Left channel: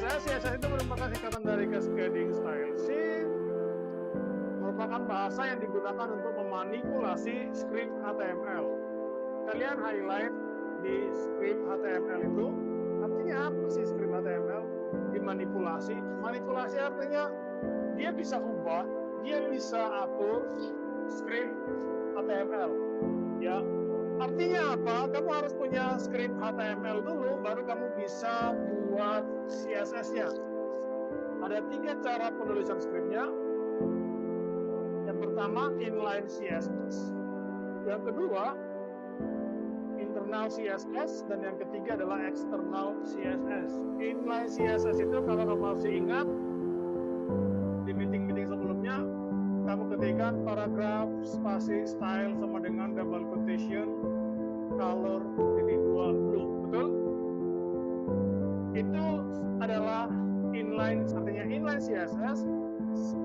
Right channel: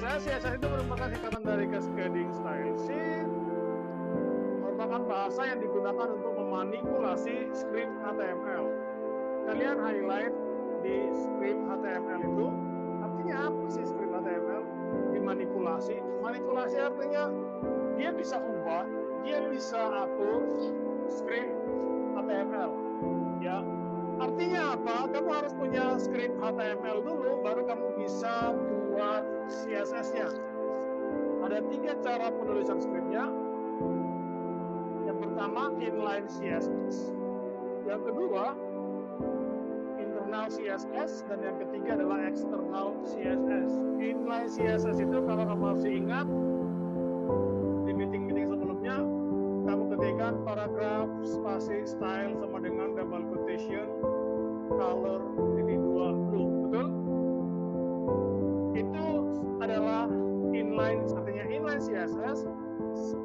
CSS itu merupakan singkatan dari Cascading Style Sheet, merupakan bahasa yang digunakan untuk memanipulasi script HTML. Kalian highlight di script HTML itu, artinya apa sih script HTML? Dimanipulasi. Manipulasi artinya dia bisa ubah, dia bisa atur script HTML. Ya, artinya apa? Kamu harus punya script HTML dulu, baru kamu bisa buat CSS-nya. Ada 3 cara penulisan scriptnya. Yang pertama, inline CSS. Yang kedua, internal CSS. Dan yang ketiga adalah external CSS. Inline CSS itu kalau kamu masih ingat, di meeting-meeting sebelumnya, kamu ketikkan paragraf, spasi, style sama dengan double quotation, color, titik 2, blue. Betul? Itu adalah inline, artinya inline CSS.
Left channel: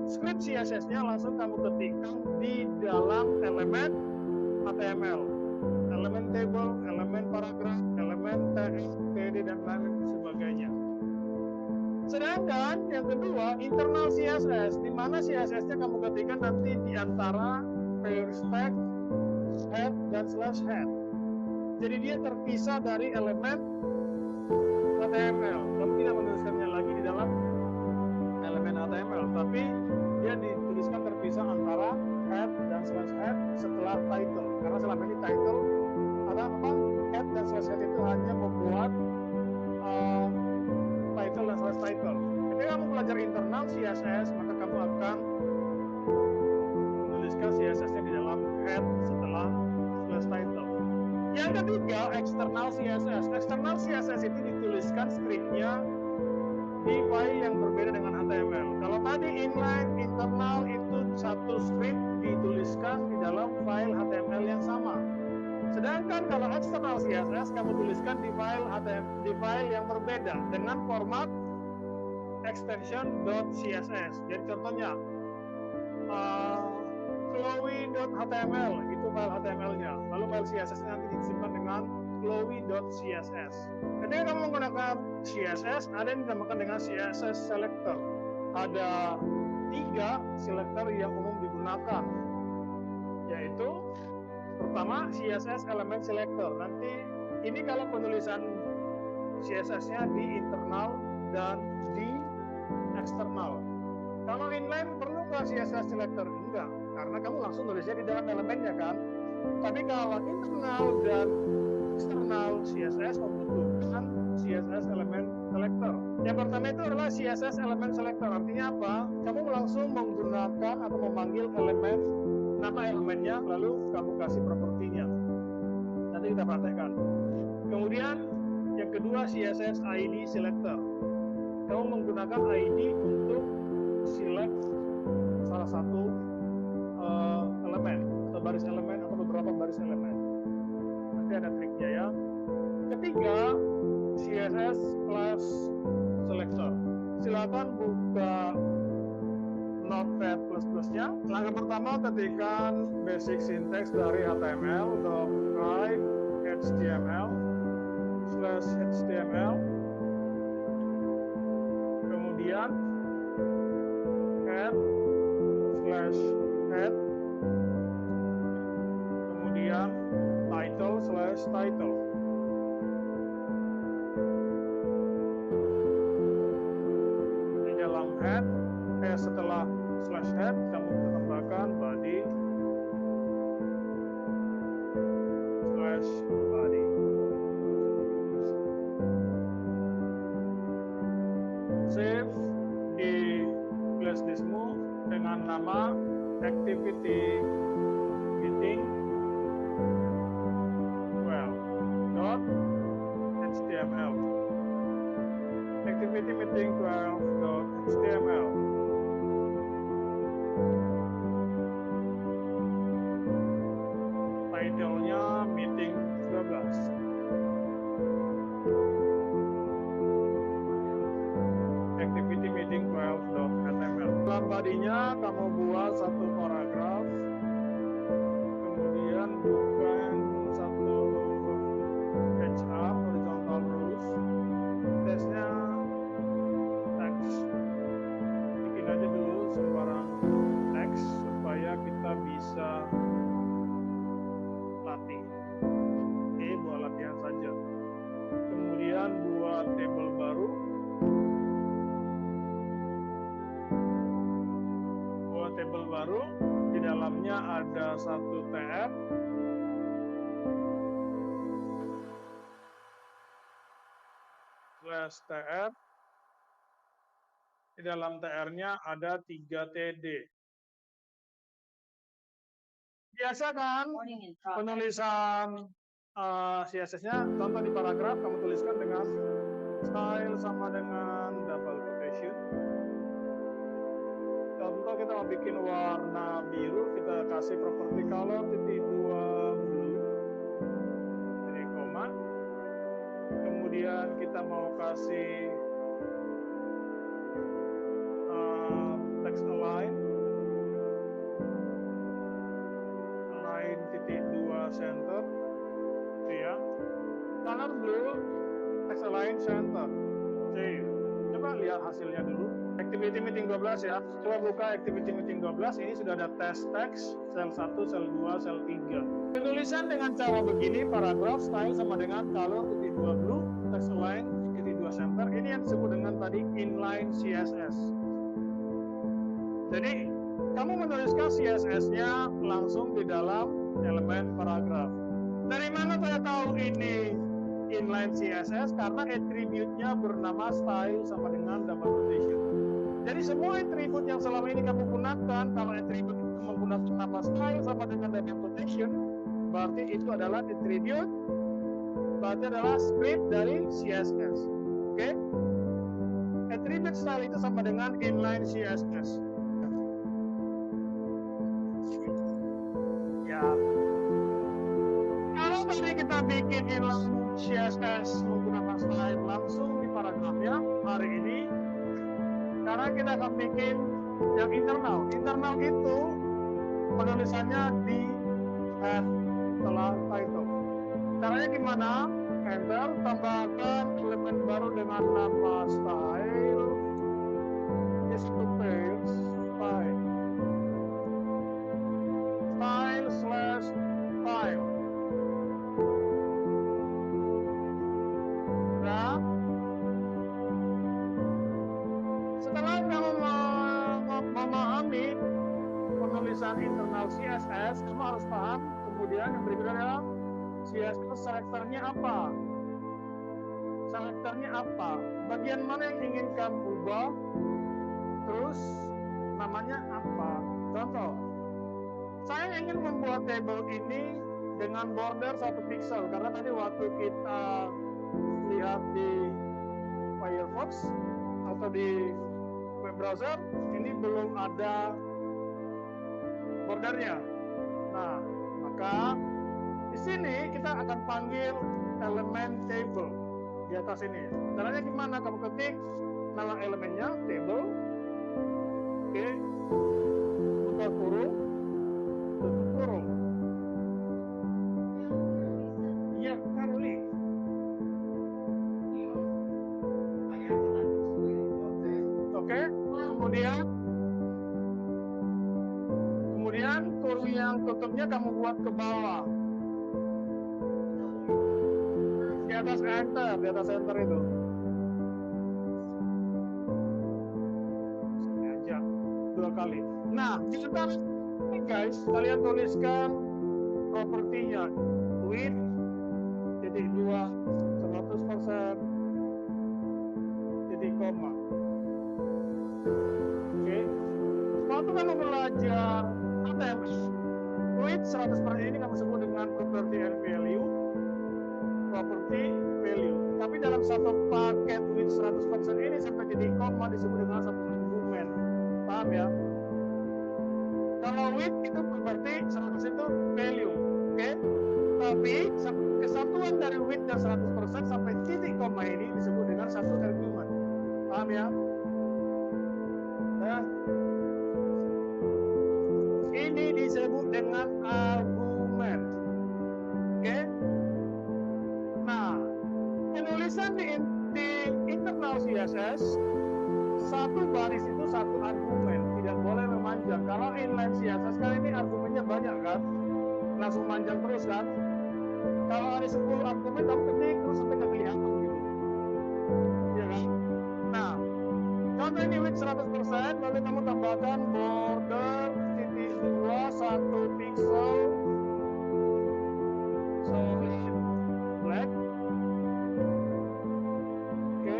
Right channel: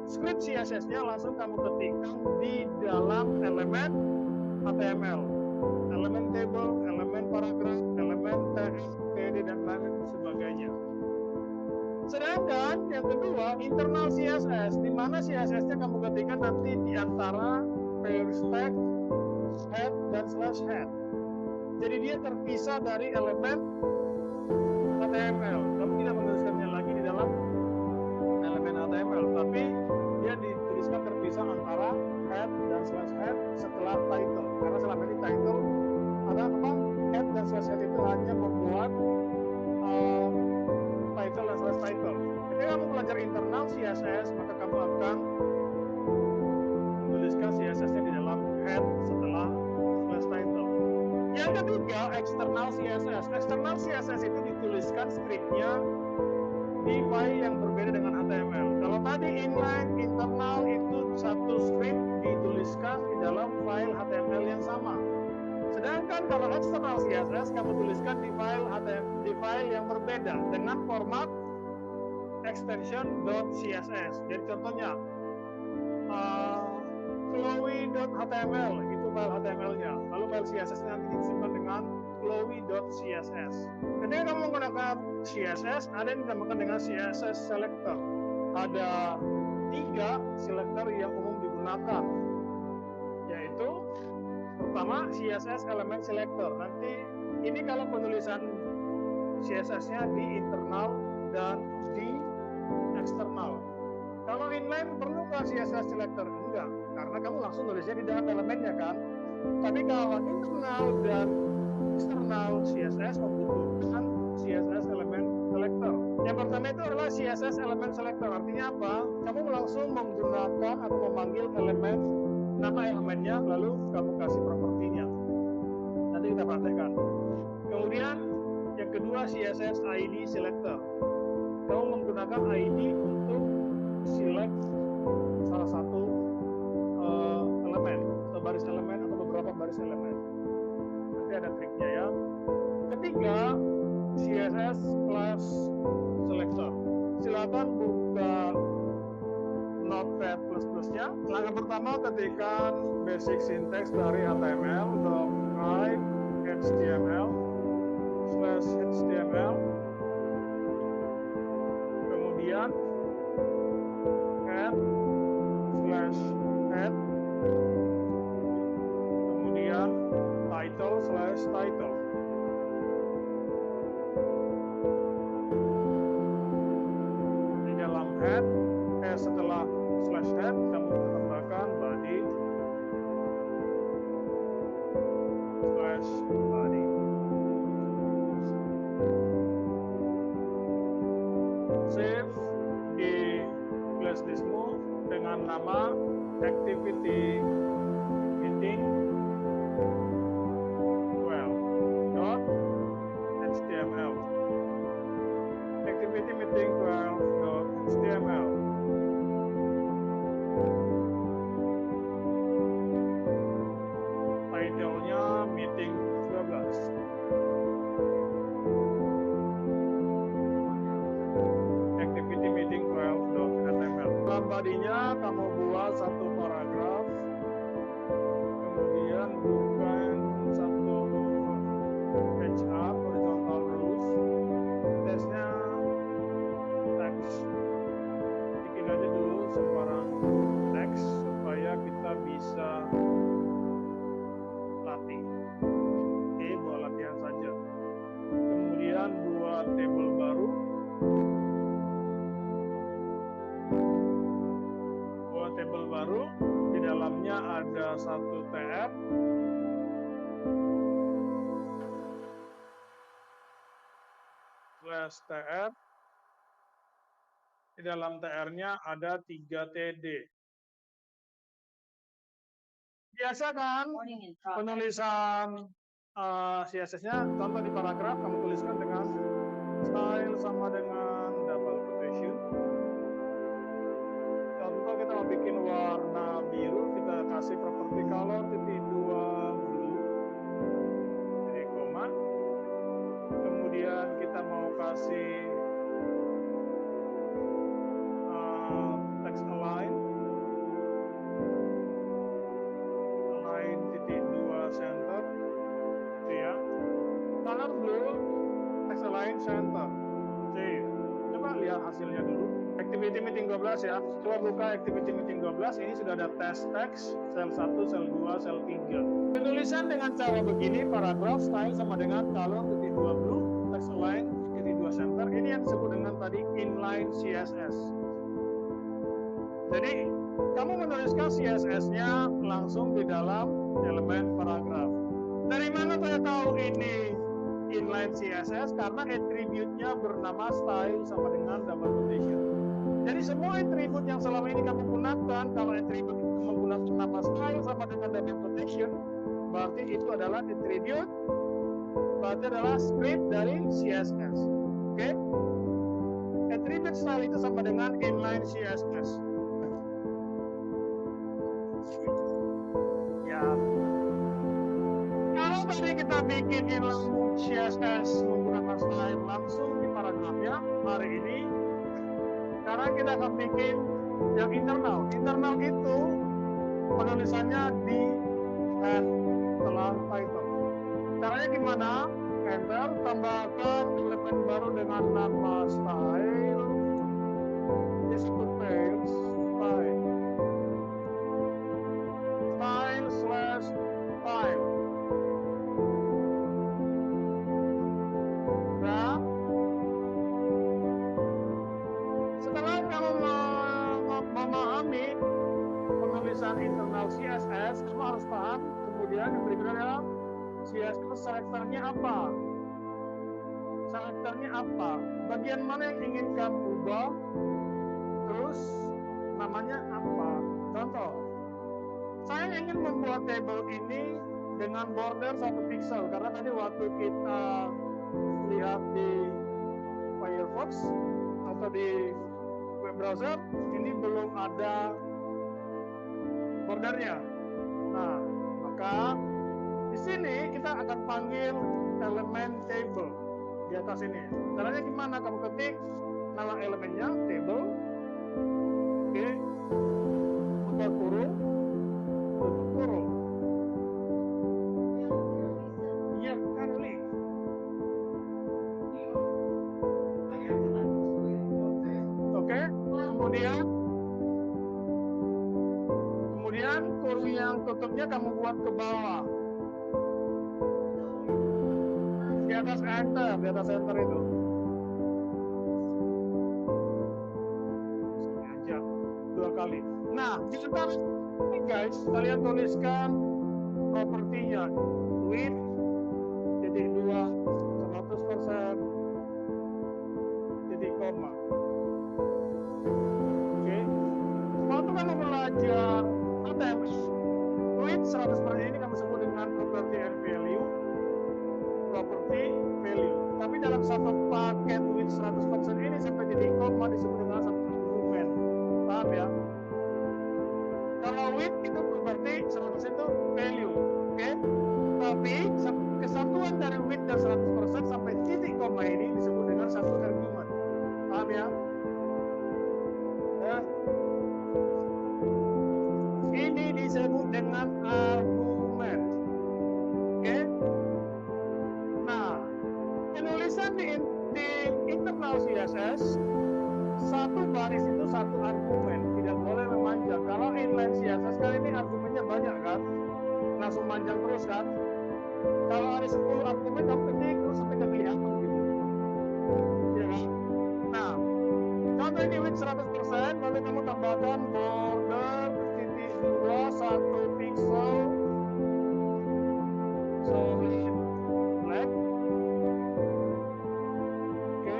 Script CSS-nya langsung kamu ketikkan di dalam elemen HTML. Elemen table, elemen paragraf, elemen TF, TD, dan lain sebagainya. Sedangkan yang kedua, internal CSS, di mana CSS-nya kamu ketikkan nanti di antara first tag, head, dan slash head. Jadi dia terpisah dari elemen HTML. Kamu tidak menuliskannya lagi di dalam elemen HTML, tapi dia dituliskan terpisah antara head dan slash head setelah title. Karena selama ini title ada apa? Head dan slash head itu hanya membuat title dan slash title. Ketika kamu belajar internal CSS, maka kamu akan menuliskan CSS-nya di dalam head setelah slash title. Yang ketiga, external CSS. External CSS itu dituliskan scriptnya di file yang berbeda dengan HTML. Kalau tadi inline, internal itu satu script dituliskan di dalam file HTML yang sama. Sedangkan kalau external CSS kamu tuliskan di file HTML, di file yang berbeda dengan format extension.css. Jadi contohnya chloe.html itu file HTML-nya. Lalu file CSS-nya nanti disimpan dengan chloe.css. Ketika kamu menggunakan CSS, ada yang dinamakan dengan CSS selector. Ada 3 selector yang umum digunakan, yaitu pertama CSS element selector. Nanti ini kalau penulisan CSS-nya di internal dan di eksternal. Kalau inline perlukah CSS selector? Enggak, karena kamu langsung nulisnya di dalam elemennya kan. Tapi kalau internal dan eksternal CSS membutuhkan CSS element selector. Yang pertama itu adalah CSS element selector. Artinya apa? Kamu langsung menggunakan atau memanggil elemen, nama elemennya, lalu kamu kasih propertinya. Nanti kita praktekkan. Kemudian yang kedua CSS ID selector. Kamu menggunakan ID untuk select salah satu elemen atau baris elemen atau beberapa baris elemen. Nanti ada triknya ya. Ketiga, CSS class selector. Silakan buka Notepad plus-plusnya. Langkah pertama, ketikkan basic syntax dari HTML, write HTML/HTML. Kemudian head/head. Kemudian title/title. Di dalam head, setelah slash head, kamu tambahkan body slash body. Save di flash diskmu dengan nama activity meeting 12.html. Activity meeting 12.html. Title-nya meeting 12. Activity meeting 12.html. Dalam body-nya kamu buat satu paragraf, kemudian bukan satu page up horizontal rows. Teksnya membuat table baru. Buat table baru, di dalamnya ada satu TR. Slash TR. Di dalam TR-nya ada 3 TD. Biasa kan penulisan CSS-nya, contoh di paragraf kamu tuliskan dengan style sama dengan double quotation. Contoh kita mau bikin warna biru, kita kasih properti color titik 2 blue, titik koma. Kemudian kita mau kasih text align titik 2 center, gitu ya. Color blue, text align center. Save. Coba lihat hasilnya dulu. Activity meeting 12 ya. Coba buka activity meeting 12. Ini sudah ada test text, sel 1, sel 2, sel 3. Penulisan dengan cara begini, paragraph style sama dengan color titik 2 blue, text align titik 2 center. Ini yang disebut dengan tadi inline CSS. Jadi kamu menuliskan CSS-nya langsung di dalam elemen paragraf. Dari mana saya tahu ini inline CSS? Karena attribute-nya bernama style sama dengan double quotation. Jadi semua attribute yang selama ini kamu gunakan, kalau attribute itu menggunakan nama style sama dengan double quotation, berarti itu adalah attribute, berarti adalah script dari CSS. Oke? Attribute style itu sama dengan inline CSS. Ya. Kalau tadi kita bikin inline CSS menggunakan style langsung di paragrafnya, hari ini sekarang kita akan bikin yang internal. Internal itu penulisannya di head setelah title. Caranya gimana? Enter, tambahkan elemen baru dengan nama style. Yes, to page style. Style slash style. Nah, setelah kamu memahami penulisan internal CSS, kamu harus paham kemudian yang berikutnya adalah CSS selektornya apa? Selektornya apa? Bagian mana yang ingin kamu ubah? Terus namanya apa? Contoh, saya ingin membuat table ini dengan border 1 pixel karena tadi waktu kita lihat di Firefox atau di web browser ini belum ada bordernya. Nah, maka di sini kita akan panggil elemen table di atas ini. Caranya gimana? Kamu ketik nama elemennya table, oke, buka kurung, tutup kurung. Iya, Karoli. Oke, kemudian kurung yang tutupnya kamu buat ke bawah. Di atas enter itu. Sengaja 2 kali. Nah, di sekitar ini guys, kalian tuliskan propertinya width titik 2 100% titik koma. Oke. Waktu kamu belajar HTML, width 100% ini kamu sebut dengan property and value. Property value. Tapi dalam satu paket width 100% ini sampai titik koma disebut dengan satu argumen. Paham ya? Kalau width itu property, 100% itu value. Oke? Tapi kesatuan dari width dan 100% sampai titik koma ini disebut dengan satu argumen. Paham ya? Nah, ini disebut dengan argumen. Oke? Nah, penulisan di internal CSS, satu baris itu satu argumen, tidak boleh memanjang. Kalau inline CSS kan ini argumennya banyak kan, langsung manjang terus kan. Kalau ada 10 argumen, kamu ketik terus sampai kelihatan gitu. Ya kan? Nah, contoh ini width 100%, lalu kamu tambahkan border titik 2 1 pixel solid black. Oke,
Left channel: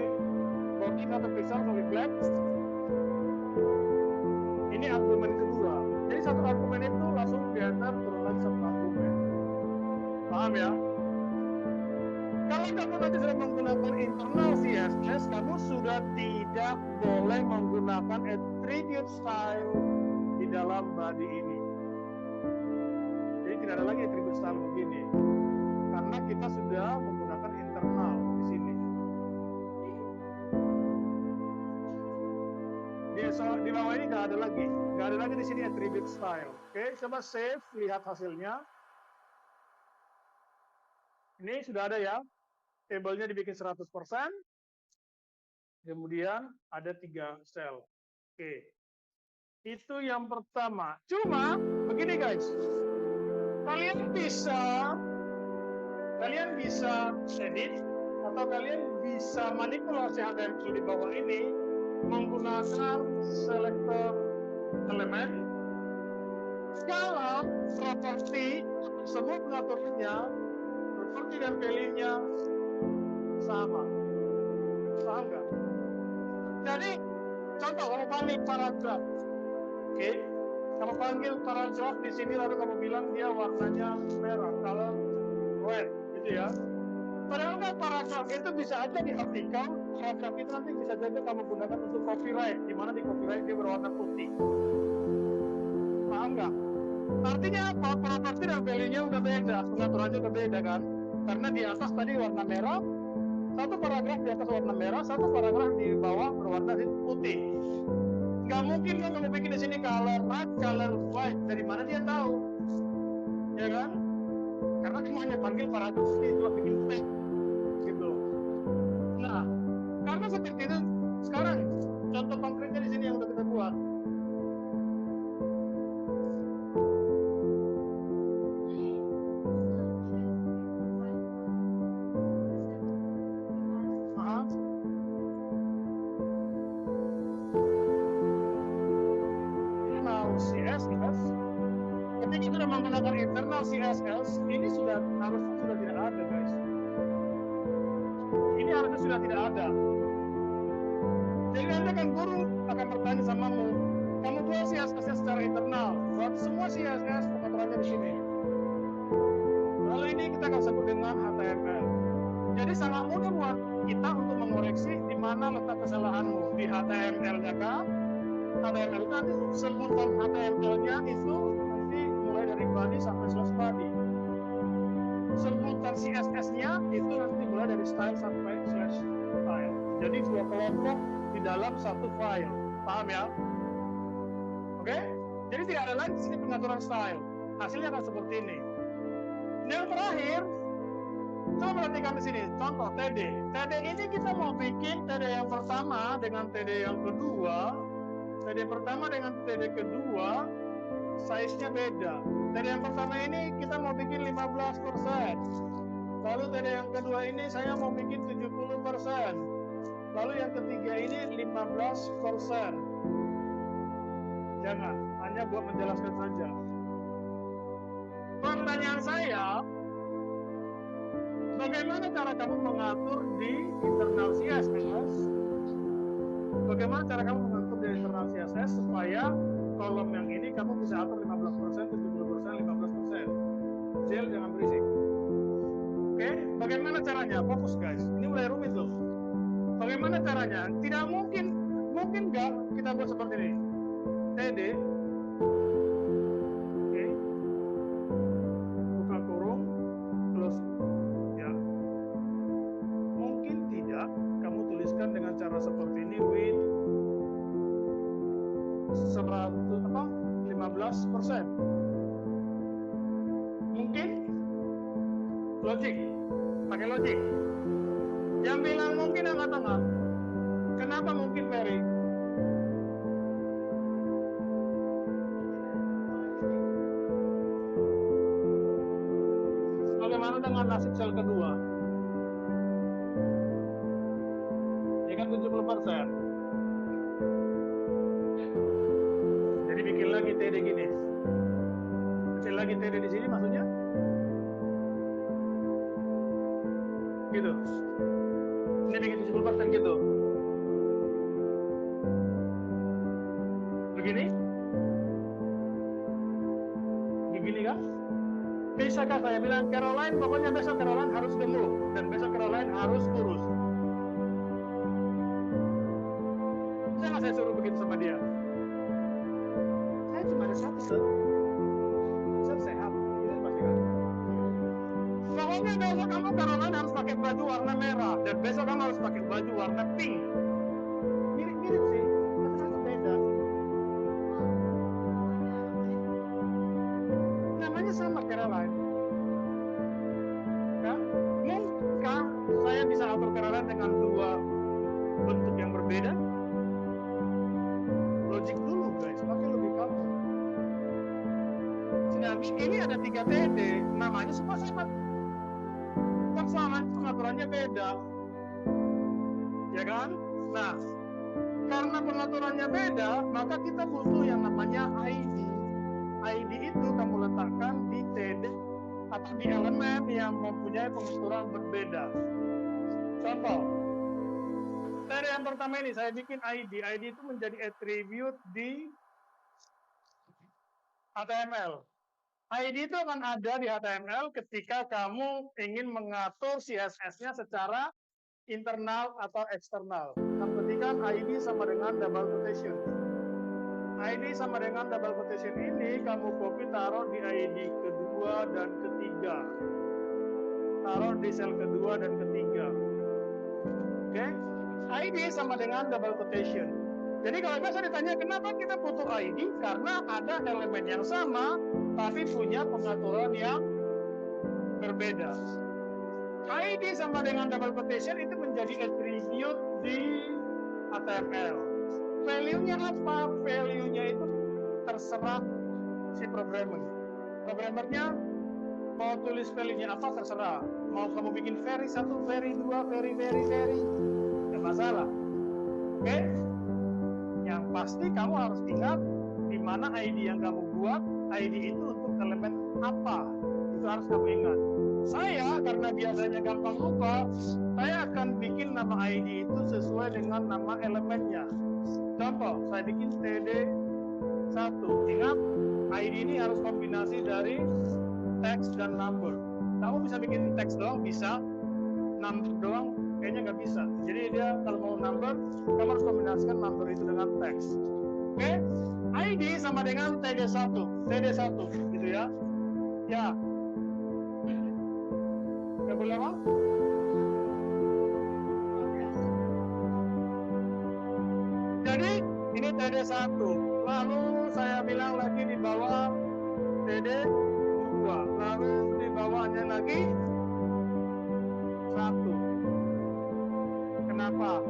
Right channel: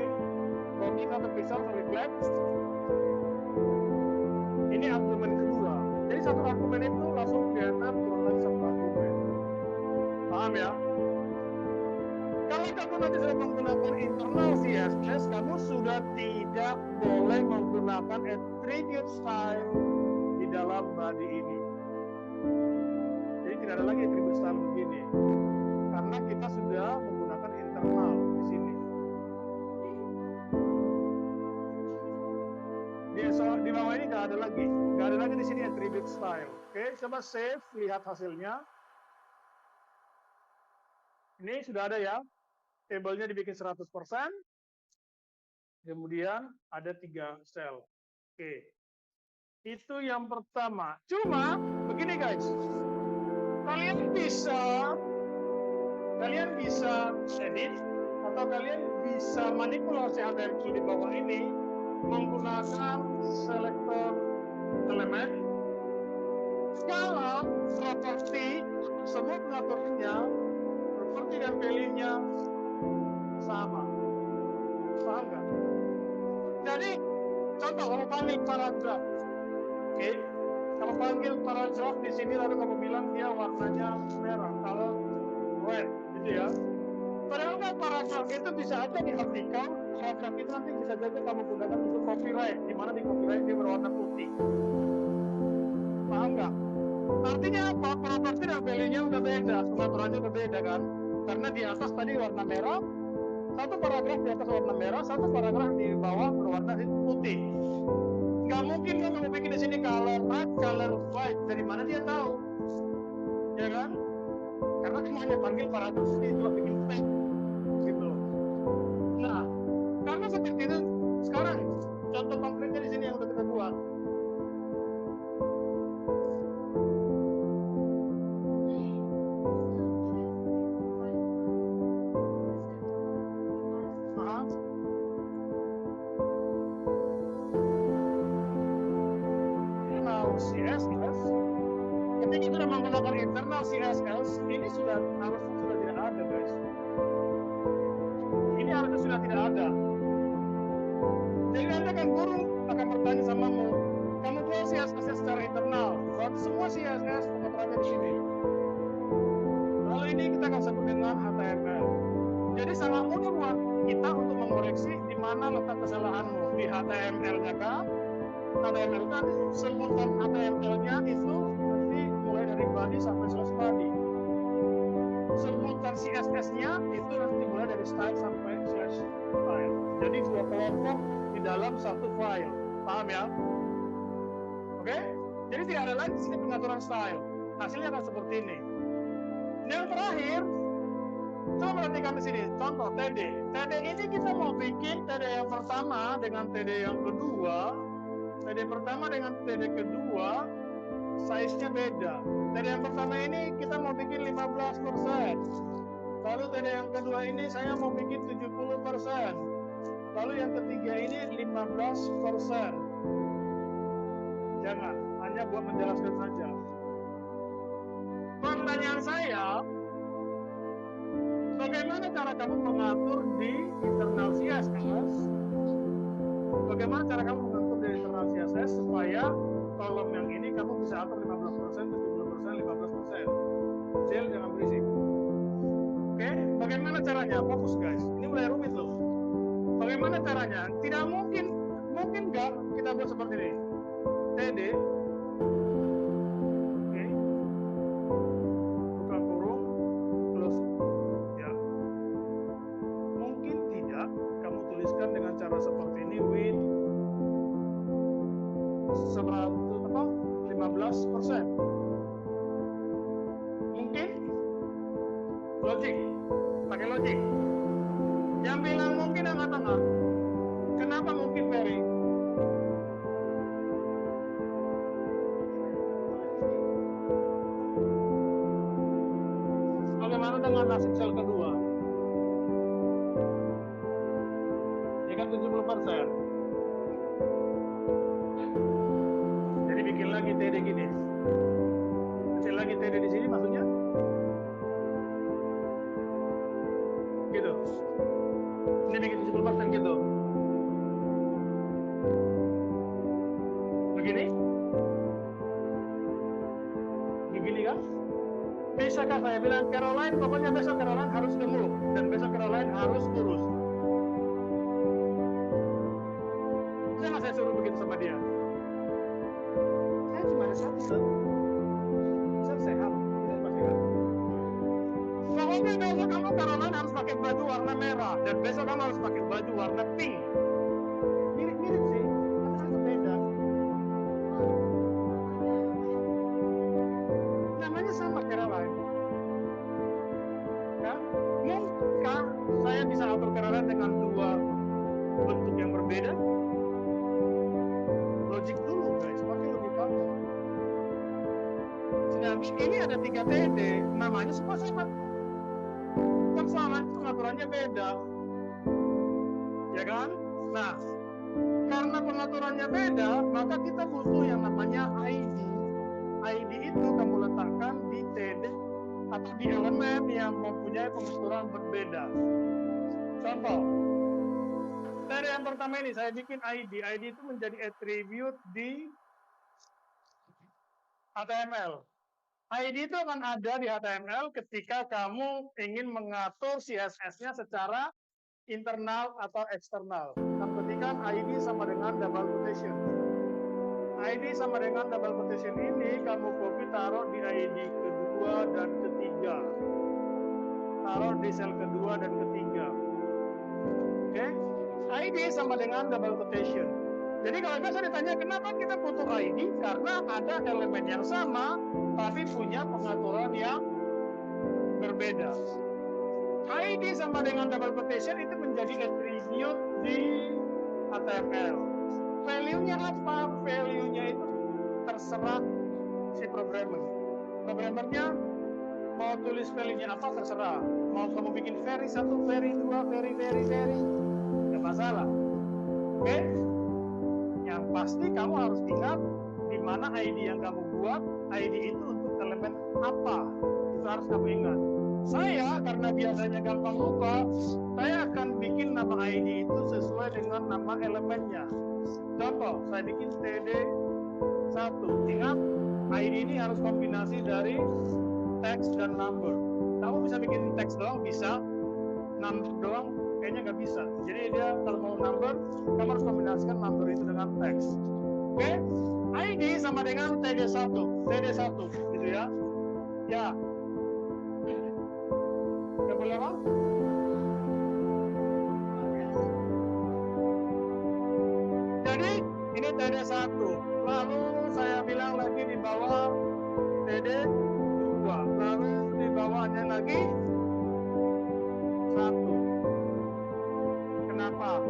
border 1 pixel solid black. Ini argumen kedua. Jadi satu argumen itu langsung diantar turun lagi satu argumen. Paham ya? Kalau kamu nanti sudah menggunakan internal CSS, kamu sudah tidak boleh menggunakan attribute style di dalam body ini. Jadi tidak ada lagi attribute style begini, karena kita sudah menggunakan internal di sini. Di bawah ini nggak ada lagi di sini attribute style. Oke, coba save, lihat hasilnya. Ini sudah ada ya. Tabelnya dibikin 100%, kemudian ada 3 sel. Oke, itu yang pertama. Cuma begini guys, kalian bisa edit atau kalian bisa manipulasi HTML di bawah ini menggunakan selector elemen. Kalau properti semua pengaturannya, properti dan value-nya sama. Paham nggak? Jadi, contoh kamu panggil paragraf. Oke, kamu panggil paragraf di sini lalu kamu bilang dia warnanya merah, kalau red, gitu ya. Padahal kan paragraf itu bisa aja di vertikal, paragraf itu nanti bisa juga kamu gunakan untuk copyright, di mana di copyright dia berwarna putih. Paham nggak? Artinya apa? Properti dan value-nya udah beda, pengaturannya udah beda kan? Karena di atas tadi warna merah, satu paragraf di atas warna merah, satu paragraf di bawah berwarna putih. Nggak mungkin kan kamu bikin di sini color red, color white. Dari mana dia tahu? Ya kan? Karena cuma hanya panggil paragraf ini juga bikin teks, gitu. Nah, karena seperti itu, sekarang contoh konkretnya di sini yang udah kita buat. CSS, ketika sudah menggunakan internal CSS, ini harusnya sudah tidak ada guys. Ini harusnya sudah tidak ada. Jadi nanti guru akan bertanya samamu, kamu buat CSS secara internal, buat semua CSS pengaturannya di sini. Lalu ini kita akan sebut dengan HTML. Jadi sangat mudah buat kita untuk mengoreksi di mana letak kesalahanmu, di HTML-nya kah? HTML itu nanti sebutan HTML-nya itu nanti mulai dari body sampai slash body. Sebutan CSS-nya itu nanti mulai dari style sampai slash style. Jadi dua kelompok di dalam satu file. Paham ya? Oke? Jadi tidak ada lagi di sini pengaturan style. Hasilnya akan seperti ini. Yang terakhir, coba perhatikan di sini. Contoh TD. TD ini kita mau bikin TD yang pertama dengan TD yang kedua. TD pertama dengan TD kedua size-nya beda. TD yang pertama ini kita mau bikin 15%. Lalu TD yang kedua ini saya mau bikin 70%. Lalu yang ketiga ini 15%. Jangan, hanya buat menjelaskan saja. Pertanyaan saya, bagaimana cara kamu mengatur di internal CSS? Bagaimana cara kamu mengatur di internal CSS supaya kolom yang ini kamu bisa atur 15%, 70%, 15%. Kecil, jangan berisik. Oke, bagaimana caranya? Fokus guys, ini mulai rumit loh. Bagaimana caranya? Tidak mungkin nggak kita buat seperti ini. TD, oke, buka kurung, close, ya. Mungkin tidak kamu tuliskan dengan cara seperti ini, with 15%. Mungkin logik, pakai logik. Yang bilang mungkin angkat tangan. Kenapa mungkin Ferry? Bagaimana dengan nasib sel kedua? Ya dengan 70%. Jadi bikin lagi TD gini. Kecil lagi TD di sini maksudnya? Gitu. Ini bikin 70% gitu. Begini? Begini kan? Bisakah saya bilang Caroline, pokoknya besok Caroline harus gemuk dan besok Caroline harus kurus? Bisa nggak saya suruh begitu sama dia? Saya cuma ada satu tuh. Saya sehat, tidak pasti kan? Pokoknya besok kamu Caroline harus pakai baju warna merah dan besok kamu harus pakai baju warna pink. Mirip-mirip sih, tapi kan beda. Namanya sama Caroline. Kan? Mungkinkah saya bisa atur Caroline dengan dua bentuk yang berbeda? Logik dulu guys, pakai logik kamu. Jadi ini ada 3 TD, namanya semua sama. Persoalan pengaturannya beda. Ya kan? Nah, karena pengaturannya beda, maka kita butuh yang namanya ID. ID itu kamu letakkan di TD atau di elemen yang mempunyai pengaturan berbeda. Contoh, dari yang pertama ini saya bikin ID. ID itu menjadi attribute di HTML. ID itu akan ada di HTML ketika kamu ingin mengatur CSS-nya secara internal atau eksternal. Kamu ketikkan ID sama dengan double quotation. ID sama dengan double quotation ini kamu copy taruh di ID kedua dan ketiga. Taruh di sel kedua dan ketiga. Oke? ID sama dengan double quotation. Jadi kalau biasa ditanya kenapa kita butuh ID? Karena ada elemen yang sama tapi punya pengaturan yang berbeda. ID sama dengan double quotation itu menjadi attribute di HTML. Value-nya apa? Value-nya itu terserah si programmer. Programmernya mau tulis value-nya apa terserah. Mau kamu bikin very 1, very 2, very, nggak masalah. Oke? Yang pasti kamu harus ingat di mana ID yang kamu buat, ID itu untuk elemen apa. Itu harus kamu ingat. Saya karena biasanya gampang lupa, saya akan bikin nama ID itu sesuai dengan nama elemennya. Contoh, saya bikin TD1. Ingat, ID ini harus kombinasi dari teks dan number. Kamu bisa bikin teks doang, bisa. Number doang, kayaknya nggak bisa. Jadi dia kalau mau number, kamu harus kombinasikan number itu dengan teks. Oke? ID sama dengan TD1. TD1, gitu ya. Ya. Nggak boleh apa? Jadi ini TD1. Lalu saya bilang lagi di bawah TD2. Lalu di bawahnya lagi 1. Kenapa?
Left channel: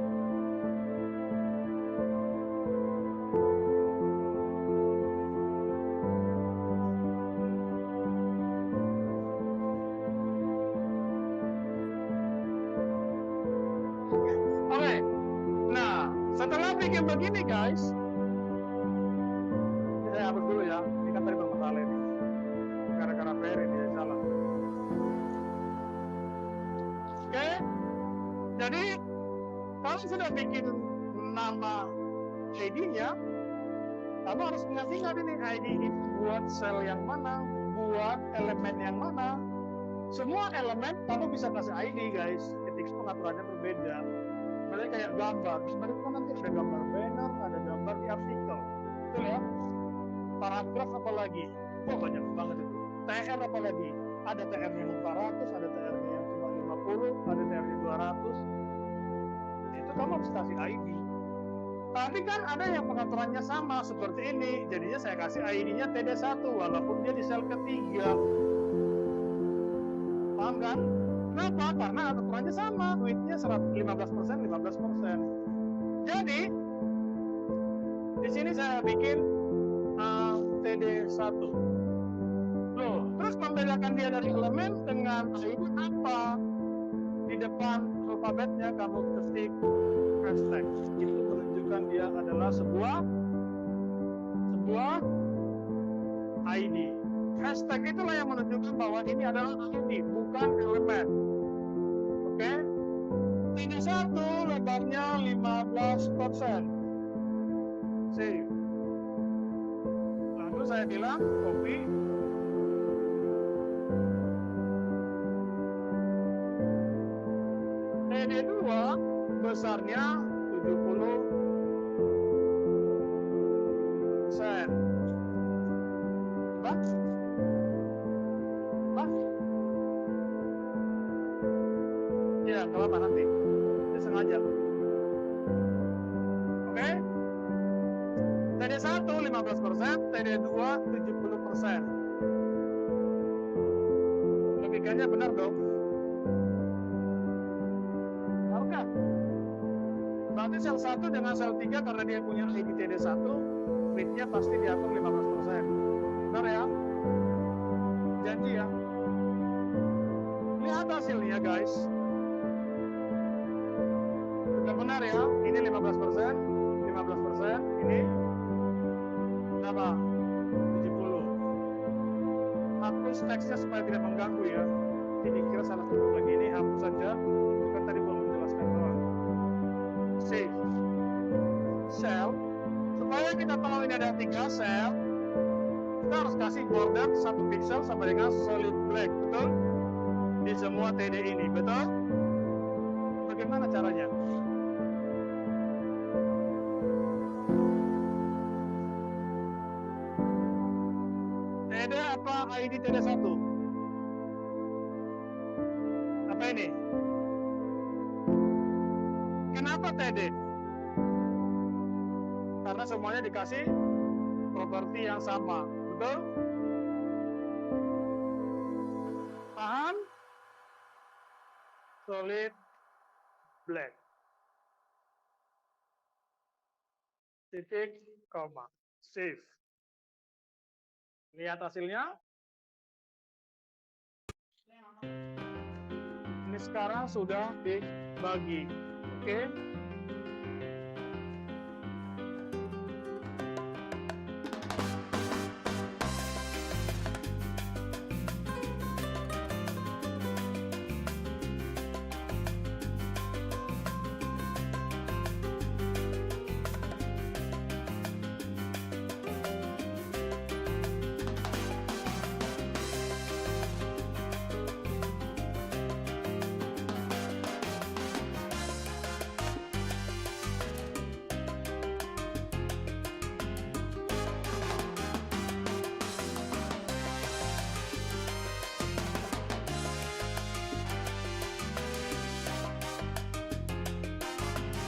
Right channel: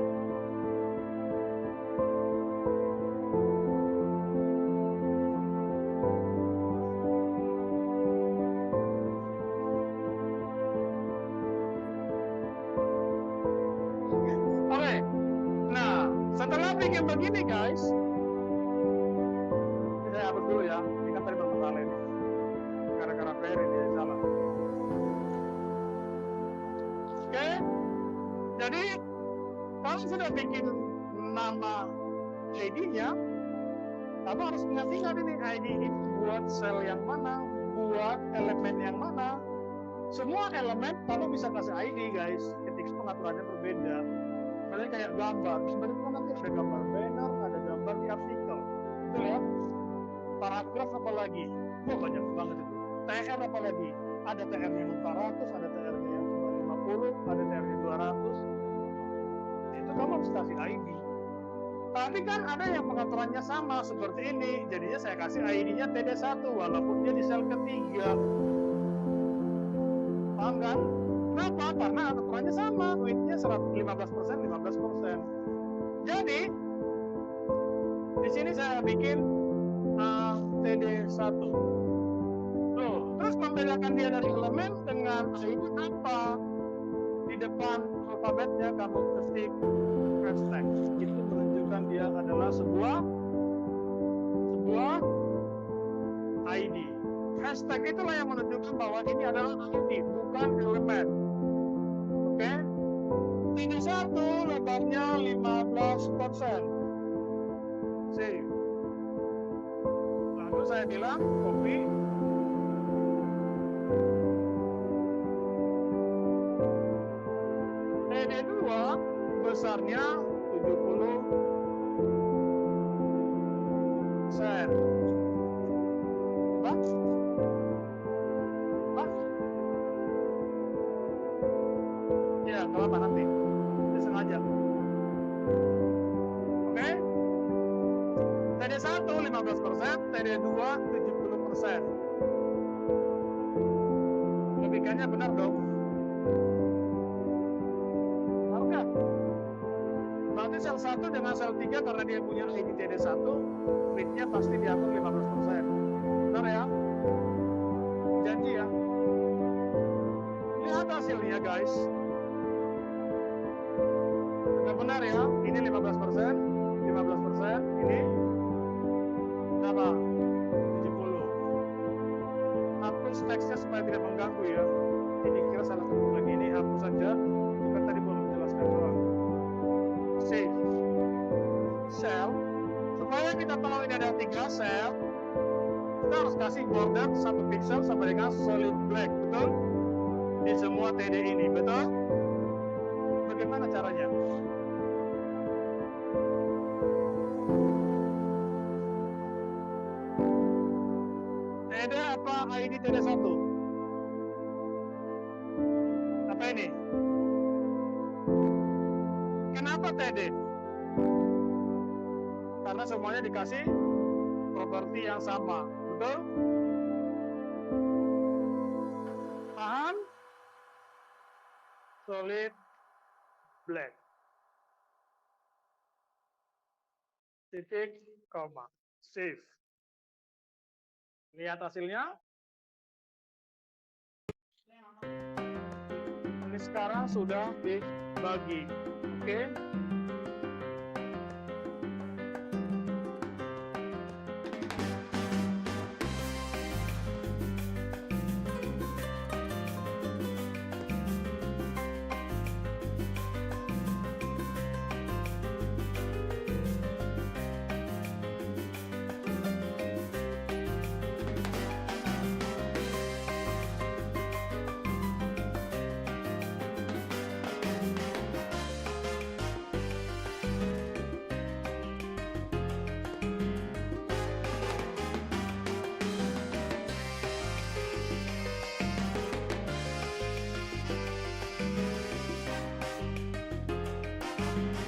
Oke. Nah, setelah bikin begini guys, saya hapus dulu ya. Ini kan tadi bermasalah ini. Gara-gara Ferry dia salah. Oke. Jadi kalau sudah bikin nama ID-nya, kamu harus ingat-ingat ini ID ini buat sel yang mana, buat elemen yang mana. Semua elemen kamu bisa kasih ID guys, ketika pengaturannya berbeda. Misalnya kayak gambar, sebenarnya kan nanti ada gambar banner, ada gambar di artikel, betul ya? Paragraf apa lagi? Wah banyak banget itu. TR apa lagi? Ada TR-nya 400, ada TR-nya yang cuma 50, ada TR-nya 200. Itu kamu harus kasih ID. Tapi kan ada yang pengaturannya sama seperti ini, jadinya saya kasih ID-nya TD1 walaupun dia di sel ketiga. Paham kan? Kenapa? Karena aturannya sama, weight-nya 15%, 15%. Jadi di sini saya bikin TD1. Loh, terus membedakan dia dari elemen dengan ID apa? Di depan alfabetnya, kamu ketik hashtag. Itu menunjukkan dia adalah sebuah ID. Hashtag itulah yang menunjukkan bahwa ini adalah ID, bukan elemen. Oke? Ini satu, lebarnya 15%. Save. Lalu saya bilang copy. TD2 besarnya 70%. Bah? Ya, nggak apa-apa nanti. Dia sengaja. Oke? TD1 15%, TD2 70%. Logikanya benar dong? Benar nggak? Berarti sel 1 dengan sel 3 karena dia punya ID TD1, read-nya pasti diatur 15%. Benar ya? Janji ya? Lihat hasilnya guys. Benar ya? Ini 15%, 15%, ini berapa? 70. Hapus teksnya supaya tidak mengganggu ya. Jadi dikira salah ketik lagi, ini hapus saja. Itu kan tadi belum menjelaskan doang. Save. Cell. Supaya kita tahu ini ada 3 sel, kita harus kasih border 1 pixel sampai dengan solid black, betul? Di semua TD ini, betul? Bagaimana caranya? TD apa ID TD1? Apa ini? Kenapa TD? Karena semuanya dikasih properti yang sama, betul? Paham? Solid black. Titik, koma. Save. Lihat hasilnya. Ini sekarang sudah dibagi. Oke.